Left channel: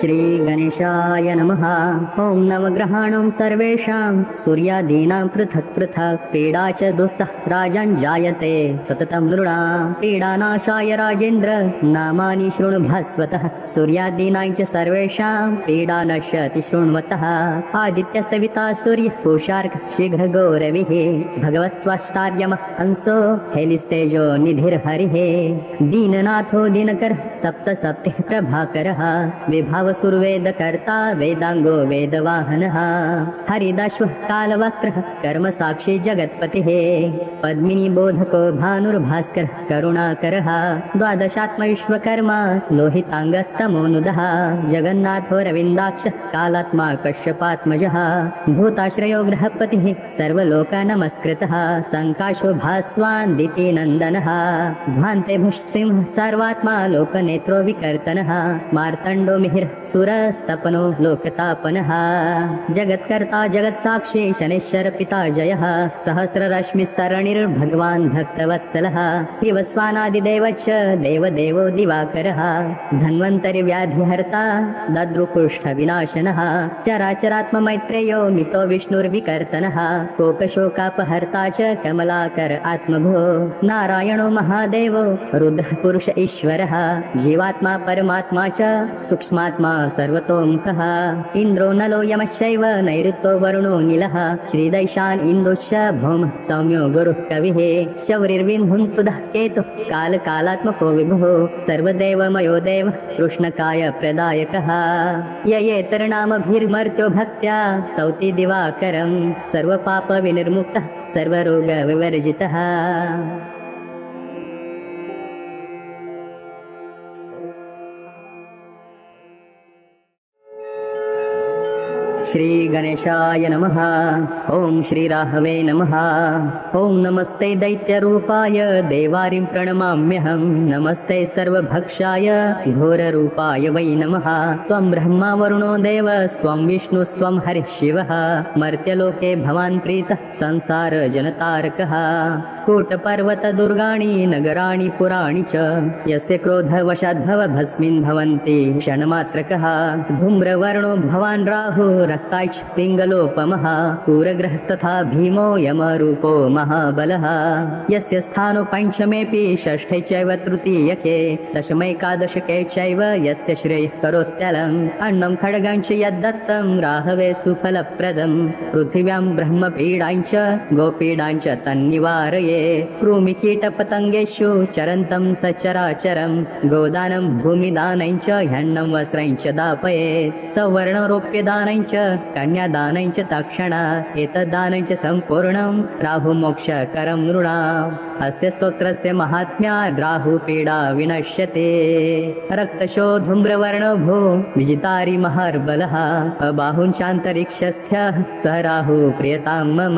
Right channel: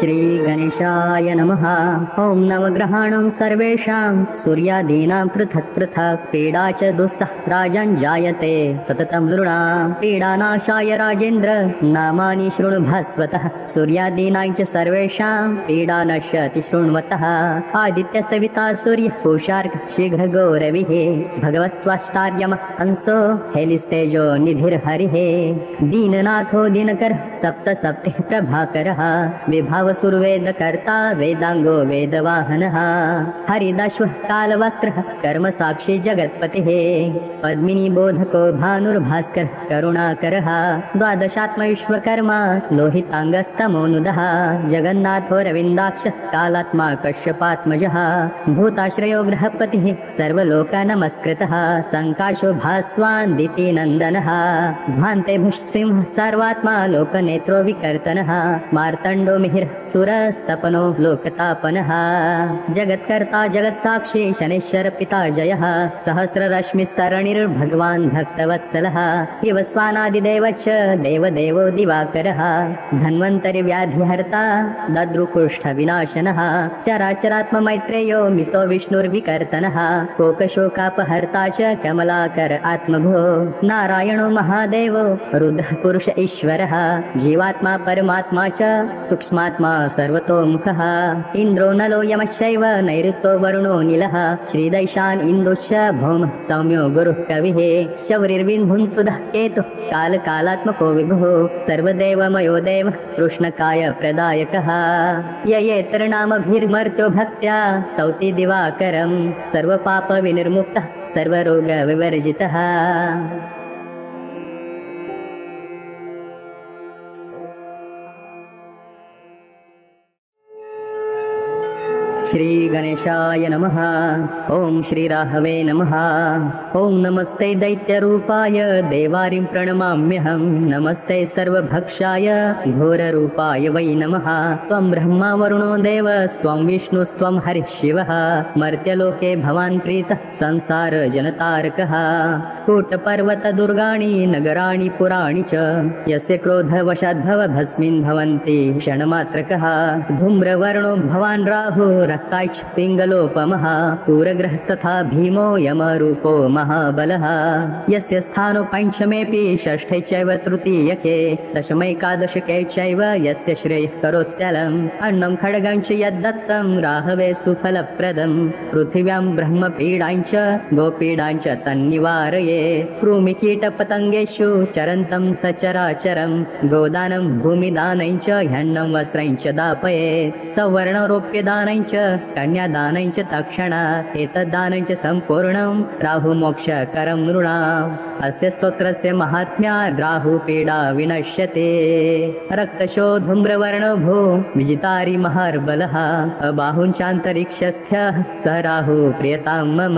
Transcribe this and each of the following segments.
श्री गणेशाय नमः। ओम नवग्रहाणां सर्वेषां सूर्यादीनां पृथक् पृथक् पीडा च दुस्सह राजन् जायते सततं नृणां पीडानाशाय राजेन्द्र नामानि शृणु भास्वतः। सूर्यादीनां च सर्वेषां पीडा नश्यति शृण्वतः। आदित्य सविता सूर्य पूषार्क शीघ्र गौरविः भगवस्त्वष्टार्यम हंसो हेलिस्तेजो निधिर्हरिः। दीननाथो दिनकर सप्त सप्ति प्रभाकरः विभाव सुरवेदकर्ता वेदांगो वेदवाहनः। हरिदश्व कालवक्रः कर्म साक्षी जगत्पतिः पद्मिनी बोधको भानुर्भास्कर करुणाकरः। द्वादशात्मैश्वकर्मा लोहितांगस्तमोनुदः जगन्नाथो रविन्दाक्ष कालात्मा कश्यपात्मजः। भूताश्रयो गृहपतिः सर्वलोक नमस्कृतः संकाशो भास्वान् दितिनन्दनः। ध्वान्ते भुष्सिंह सर्वात्मा लोकनेत्रो विकर्तनः। मार्तण्डो मिहिर सुरस्तपनो लोकतापनः। जगत्कर्ता जगत्साक्षी शनैश्वर पिता जयः। सहस्ररश्मिस्तरणिर्भगवान् भक्तवत्सलः। विवस्वानादिदेव च देवदेवो दिवाकरः। धन्वन्तरि व्याधिहर्ता दद्रुकुष्ठ विनाशनः। चराचरात्म मैत्रेयो मितो विष्णुर्विकर्तनः। कोकशोकापहर्ता च कमलाकर आत्मभो। नारायणो महादेवो रुद्रः पुरुष ईश्वरः। जीवात्मा परमात्मा च सूक्ष्मात्मा सर्वतोमुखः। इन्द्रो नलो यमश्चैव नैऋतो वरुणो नीलः। श्रीदैशान इन्दुश्च भौमः सौम्यो गुरुः कविः। शौरिर्विन्धुन्पुदः केतुः कालकालात्मको विभुः। सर्वदेवमयो देवः कृष्णकाय प्रदायकः। ययेतरनामभिर्मर्तो भक्त्या स्तौति दिवाकरं सर्वपाप विनिर्मुक्तः सर्वरोग विवर्जितः। श्री गणेशाय नमः। ओम श्री राहवे नमः। ओम नमस्ते दैत्यरूपाय देवारिं प्रणमाम्यहम्। नमस्ते सर्वभक्षाय घोररूपाय वै नमः। त्वं ब्रह्मा वरुणो देवस्त्वं विष्णुस्त्वं हरिः शिवः। मर्त्यलोके भवान् प्रीतः संसार जलतारकः। कोटपर्वत दुर्गाणि नगराणि पुराणि च यस्य क्रोधवशाद्भव भस्मिन् भवन्ति क्षणमात्रकः। धूम्रवर्णो भवान् राहो रक्ताक्ष पिङ्गलोपमः। पूरग्रहस्तथा भीमो यमरूपो महाबलः। यस्य स्थानो पञ्चमेऽपि षष्ठे चैव तृतीयके दशमैकादशके चैव यस्य श्रेयः करोत्यलम्। अन्नं खड्गं च यद्दत्तं राहवे सुफलप्रदम्। पृथिव्यां ब्रह्मपीडां च गोपीडां च तन्निवारये। कृमिकीटपतङ्गेषु चरन्तं सचराचरम्। गोदानं भूमिदानं च ह्यन्नं वस्त्रं च दापये। सवर्णरोप्यदानं च कन्यादानं च तक्षणा। एतद्दानं च सम्पूर्णं राहुमोक्षकरं नृणाम्। अस्य स्तोत्रस्य महात्म्यात् राहुपीडा विनश्यति। रक्तशो धूम्रवर्णो भो विजितारि महार्बलः। अबाहुञ्चान्तरिक्षस्थ्यः स राहो प्रियतां मम।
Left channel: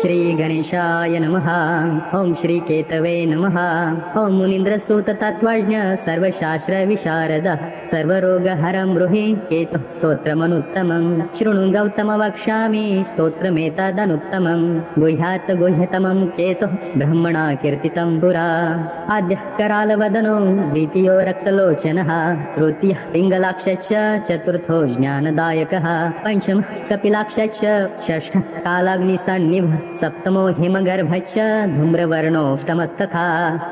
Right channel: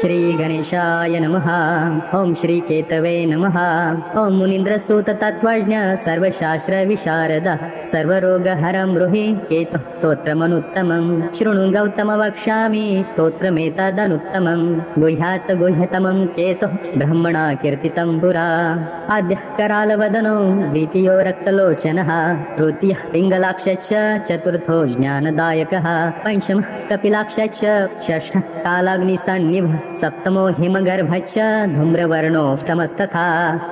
श्री गणेशाय नमः। ओम श्री केतवे नमः। ओम मुनीन्द्रसूत तत्त्वज्ञ सर्वशास्त्र विशारद सर्वरोगहरं ब्रूहि केतु स्तोत्रमनुत्तमं। शृणु गौतम वक्ष्यामि स्तोत्रमेतदनुत्तमं। गुह्यात् गुह्यतमं केतु ब्रह्मणा कीर्तितं पुरा। आद्यः करालवदनो द्वितीयो रक्तलोचनः। तृतीयः पिङ्गलाक्षश्च चतुर्थो ज्ञानदायकः। पञ्चमः कपिलाक्षश्च षष्ठः कालाग्निसन्निभः। सप्तमो हिमगर्भश्च धूम्रवर्णोऽष्टमस्तथा।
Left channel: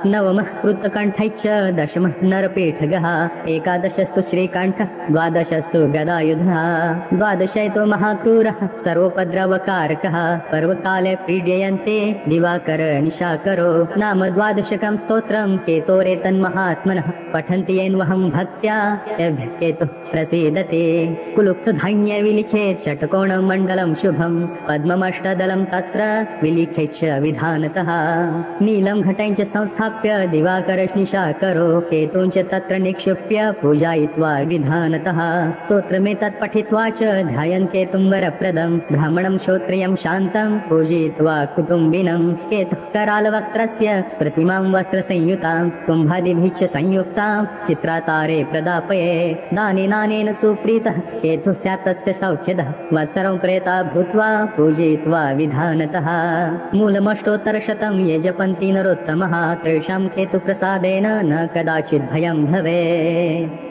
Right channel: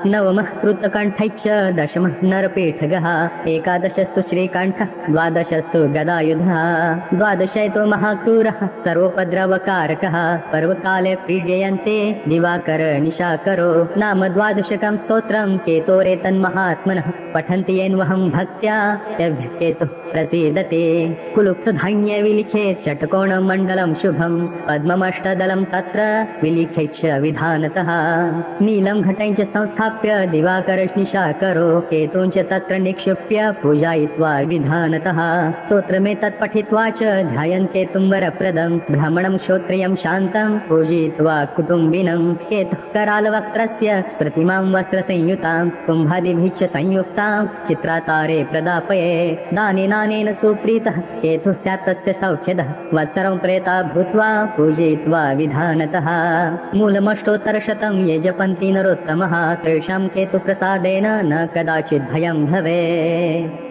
नवमः कृतकण्ठश्च दशमः नरपीठगः। एकादशस्तु श्रीकण्ठः द्वादशस्तु गदायुधः। द्वादशैतो महाक्रूरः सर्वोपद्रवकारकः। पर्वकाले पीड्यन्ते दिवाकर निशाकरो। नाम द्वादशकं स्तोत्रं केतोरेतन्महात्मनः। पठन्ति येन्वहं भक्त्या केतुः प्रसीदते। कुलुप्तधान्ये विलिखेत् षट्कोणमण्डलं शुभं। पद्ममष्टदलं तत्र विलिखेच्च विधानतः। नीलं घटं च संस्थाप्य दिवाकरनिशाकरो। केतुं च तत्र निक्षिप्य पूजयित्वा विधानतः। स्तोत्रमेतत् पठित्वा च ध्यायन्ते केतुं वरप्रदं। ब्राह्मणं श्रोत्रियं शान्तं पूजयित्वा कुटुम्बिनं। केतुः करालवक्त्रस्य प्रतिमां वस्त्रसंयुतां। कुम्भादिभिः च संयुक्तां चित्रातारे प्रदापये। दानेनानेन सुप्रीतः केतुः स्यात् तस्य सौख्यदः। वत्सरं प्रेता भूत्वा पूजयित्वा विधानतः। विशेषतः मूलमष्टोत्तरशतं ये जपन्ति नरोत्तमः तेषां केतुप्रसादेन न कदाचित् भयं भवेत्।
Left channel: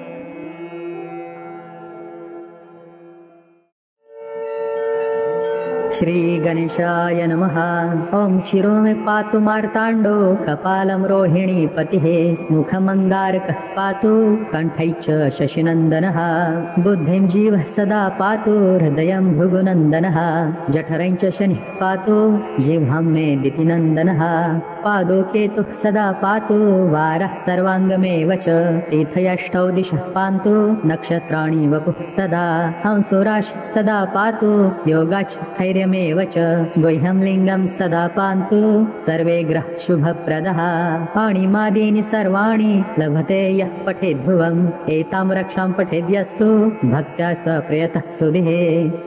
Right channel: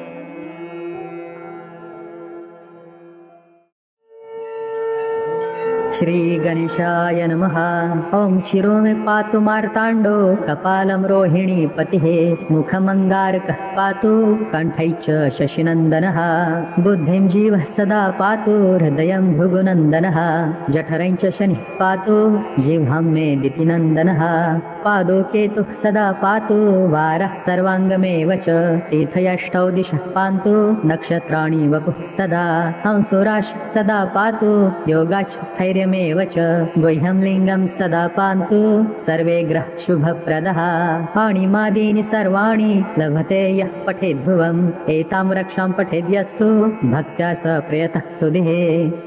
श्री गणेशाय नमः। ओम शिरो मे पातु मार्ताण्डो कपालं रोहिणी पतिः मुखमङ्गारकः पातु कण्ठै च शशिनन्दनः बुद्धिं जीवः सदा पातु हृदयं भृगुनन्दनः जठरं च शनिः पातु जिह्वं मे दितिनन्दनः पादौ केतुः सदा पातु वारः सर्वाङ्गमेव च तीर्थयष्टौ दिशः पान्तु नक्षत्राणि वपुः सदा हंसो राशिः सदा पातु योगाच्छ स्थैर्यमेव च गुह्यं लिङ्गं सदा पान्तु सर्वे ग्रह शुभप्रदः पाणिमादीनि सर्वाणि लभते यः पठेद् ध्रुवम् एतां रक्षां पठेद्यस्तु भक्त्या स प्रयतः सुधिः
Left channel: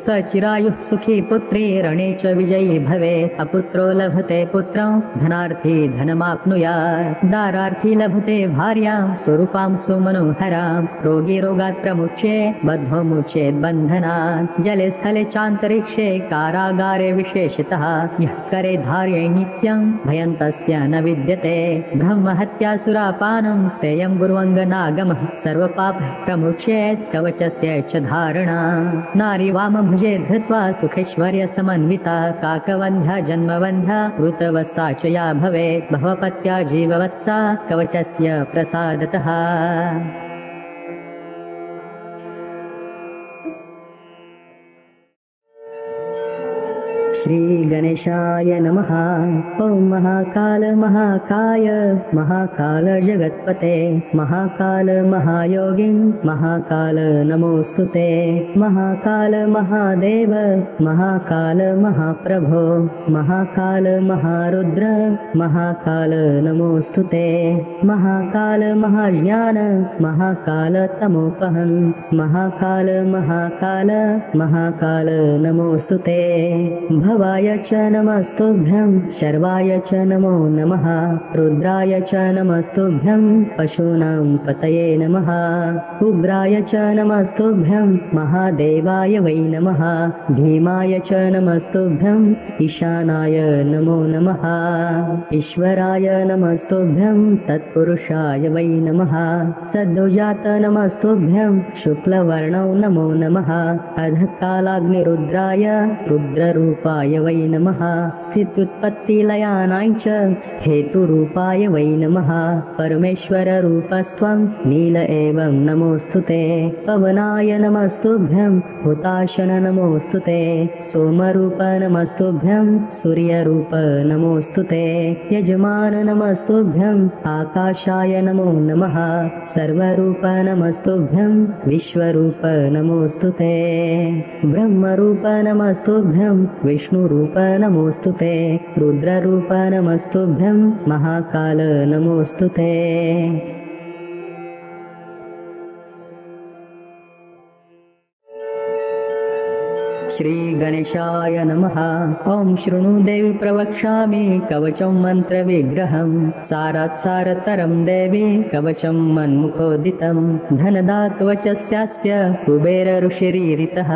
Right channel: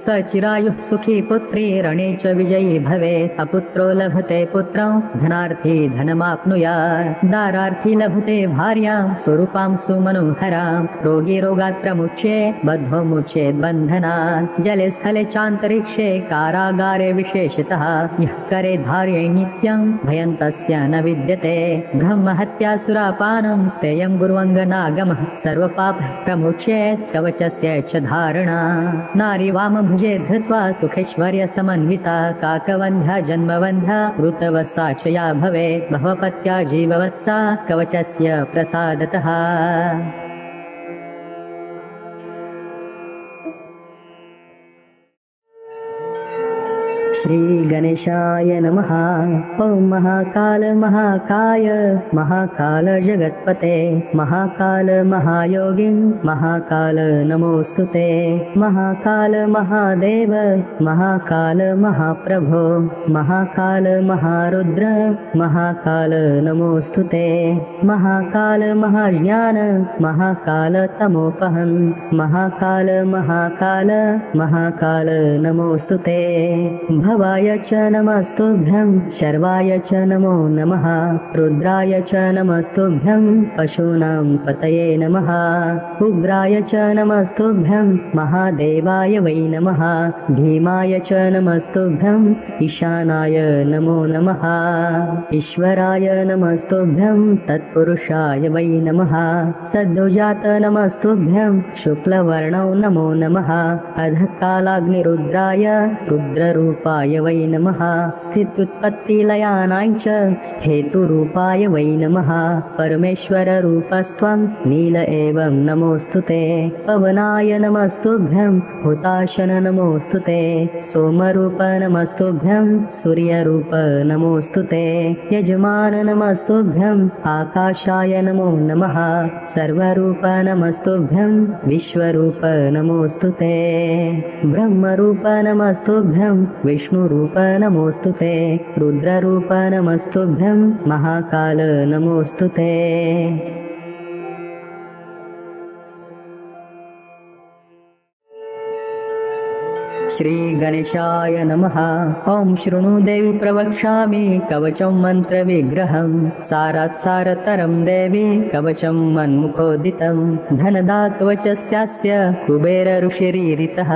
स चिरायुः सुखी पुत्री रणे च विजयी भवेत् अपुत्रो लभते पुत्रं धनार्थी धनमाप्नुयात् दारार्थी लभते भार्यां स्वरूपां सुमनोहरां रोगी रोगात् प्रमुच्येत् बद्धो मुच्येत् बन्धनात् जले स्थले चान्तरिक्षे कारागारे विशेषतः यः करे धार्ये नित्यं भयं तस्य न विद्यते ब्रह्महत्यासुरापानं स्तेयं गुरुवङ्गनागमः सर्वपापः प्रमुच्येत् कवचस्य च धारणा नारी वामभुजे धृत्वा सुखेश्वर्य समन्विता काकवन्ध्या जन्मवन्ध्या ऋतवसा च या भवेत् भवपत्या जीववत्सा कवचस्य प्रसादतः। श्री गणेशाय नमः। ओम महाकाल महाकाय महाकाल जगत्पते महाकाल महायोगिन् महाकाल नमोस्तुते महाकाल महादेव महाकाल महाप्रभो महाकाल महारुद्र महाकाल नमोस्तुते महाकाल महाज्ञान महाकाल तमोपहं महाकाल महाकाल महाकाल नमोस्तुते भवाय च नमस्तुभ्यं शर्वाय च नमो नमः रुद्राय च नमस्तुभ्यं पशूनां पतये नमः उग्राय च नमस्तुभ्यं महादेवाय वै नमः भीमाय च नमस्तुभ्यं ईशानाय नमो नमः ईश्वराय नमस्तुभ्यं तत्पुरुषाय वै नमः सद्दुजात नमस्तुभ्यं शुक्लवर्णौ नमो नमः अधकालाग्निरुद्राय रुद्ररूपाय वै नमः स्थित्युत्पत्तिलयानाय च हेतुरूपाय वै नमः परमेश्वररूपस्त्वं नील एवं नमोऽस्तुते पवनाय नमस्तुभ्यं हुताशन नमोऽस्तुते सोमरूप नमस्तुभ्यं सूर्यरूप नमोऽस्तुते यजमान नमस्तुभ्यं आकाशाय नमो नमः सर्वरूप नमस्तुभ्यं विश्वरूप नमोऽस्तुते ब्रह्मरूप नमस्तुभ्यं विष्णुरूप नमोऽस्तुते रुद्ररूप नमस्तुभ्यं महाकाल नमोऽस्तुते। श्री गणेशाय नमः। ओम शृणु देवी प्रवक्ष्यामि कवचं मन्त्रविग्रहं सारात् सारतरं देवी कवचं मन्मुखोदितं धनदात्वचस्यास्य कुबेर ऋषिरीरितः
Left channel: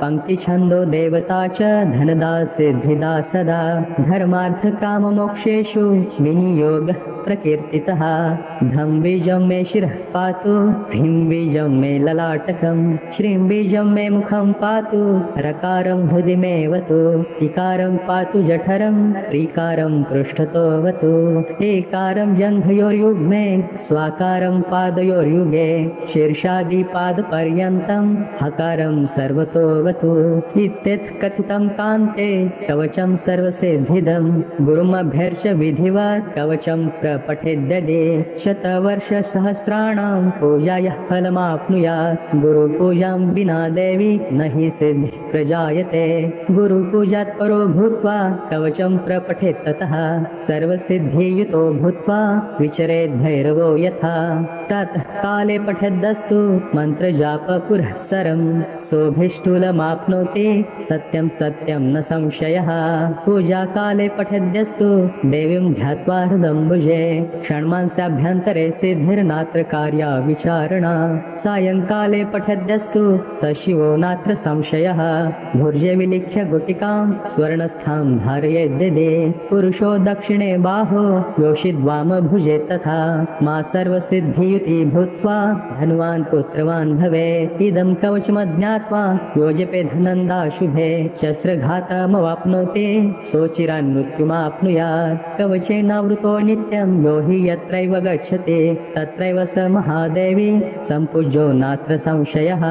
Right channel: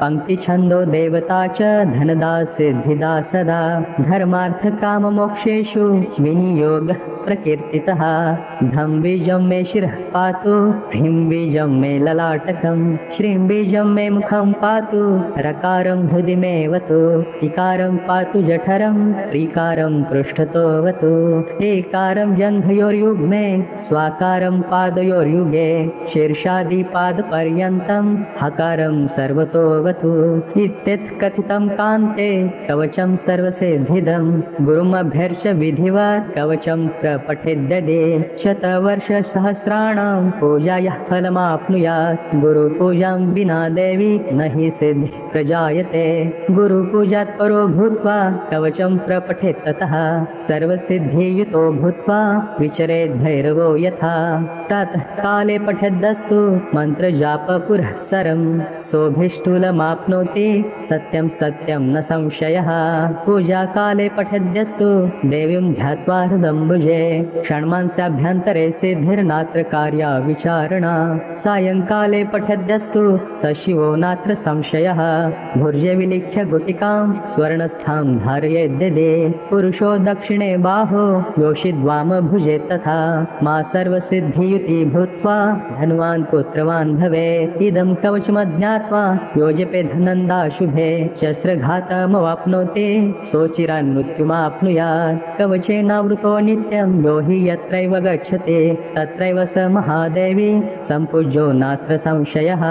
पङ्क्तिछन्दो देवता च धनदा सिद्धिदा सदा धर्मार्थकाममोक्षेषु विनियोगः प्रकीर्तितः धं बीजं मे शिरः पातु ह्रीं बीजं मे ललाटकं श्रीं बीजं मे मुखं पातु रकारं हृदि मे वतु इकारं पातु जठरं ऋकारं पृष्ठतोऽवतु एकारं जङ्घयोर्युग्मे स्वाकारं पादयोर्युगे शीर्षादिपादपर्यन्तं हकारं सर्वतोऽवतु इत्यत् कथितं कान्ते कवचं सर्वसिद्धिदं गुरुमभ्यर्च्य विधिवत् कवचं प्रपठेद्यदे शतवर्षसहस्राणां पूजायाः फलमाप्नुयात् गुरुपूजां विना देवी न हि सिद्धिः प्रजायते गुरुपूजात् परो भूत्वा कवचं प्रपठेत् ततः सर्वसिद्धियुतो भूत्वा विचरेत् भैरवो यथा ततः काले पठेद्दस्तु मन्त्रजाप पुरःसरं सोऽभीष्टुलमाप्नोति सत्यं सत्यं न संशयः पूजाकाले पठेद्यस्तु देवीं ध्यात्वा हृदम्बुजे षण्मांसाभ्यन्तरे सिद्धिर्नात्र कार्या विचारणा सायंकाले पठेद्यस्तु स शिवो नात्र संशयः भुर्जे विलिख्य गुटिकां स्वर्णस्थां धारयेद्यदे पुरुषो दक्षिणे बाहु योषिद्वाम भुजे तथा मा सर्वसिद्धियुति भूत्वा धनवान् पुत्रवान् भवे इदं कवचमज्ञात्वा योजपे धनन्दा शुभे शस्त्रघातमवाप्नोति सोचिरान् मृत्युमाप्नुयात् कवचेनावृतो नित्यं यो हि यत्रैव गच्छति तत्रैव स महादेवी सम्पूज्यो नात्र संशयः।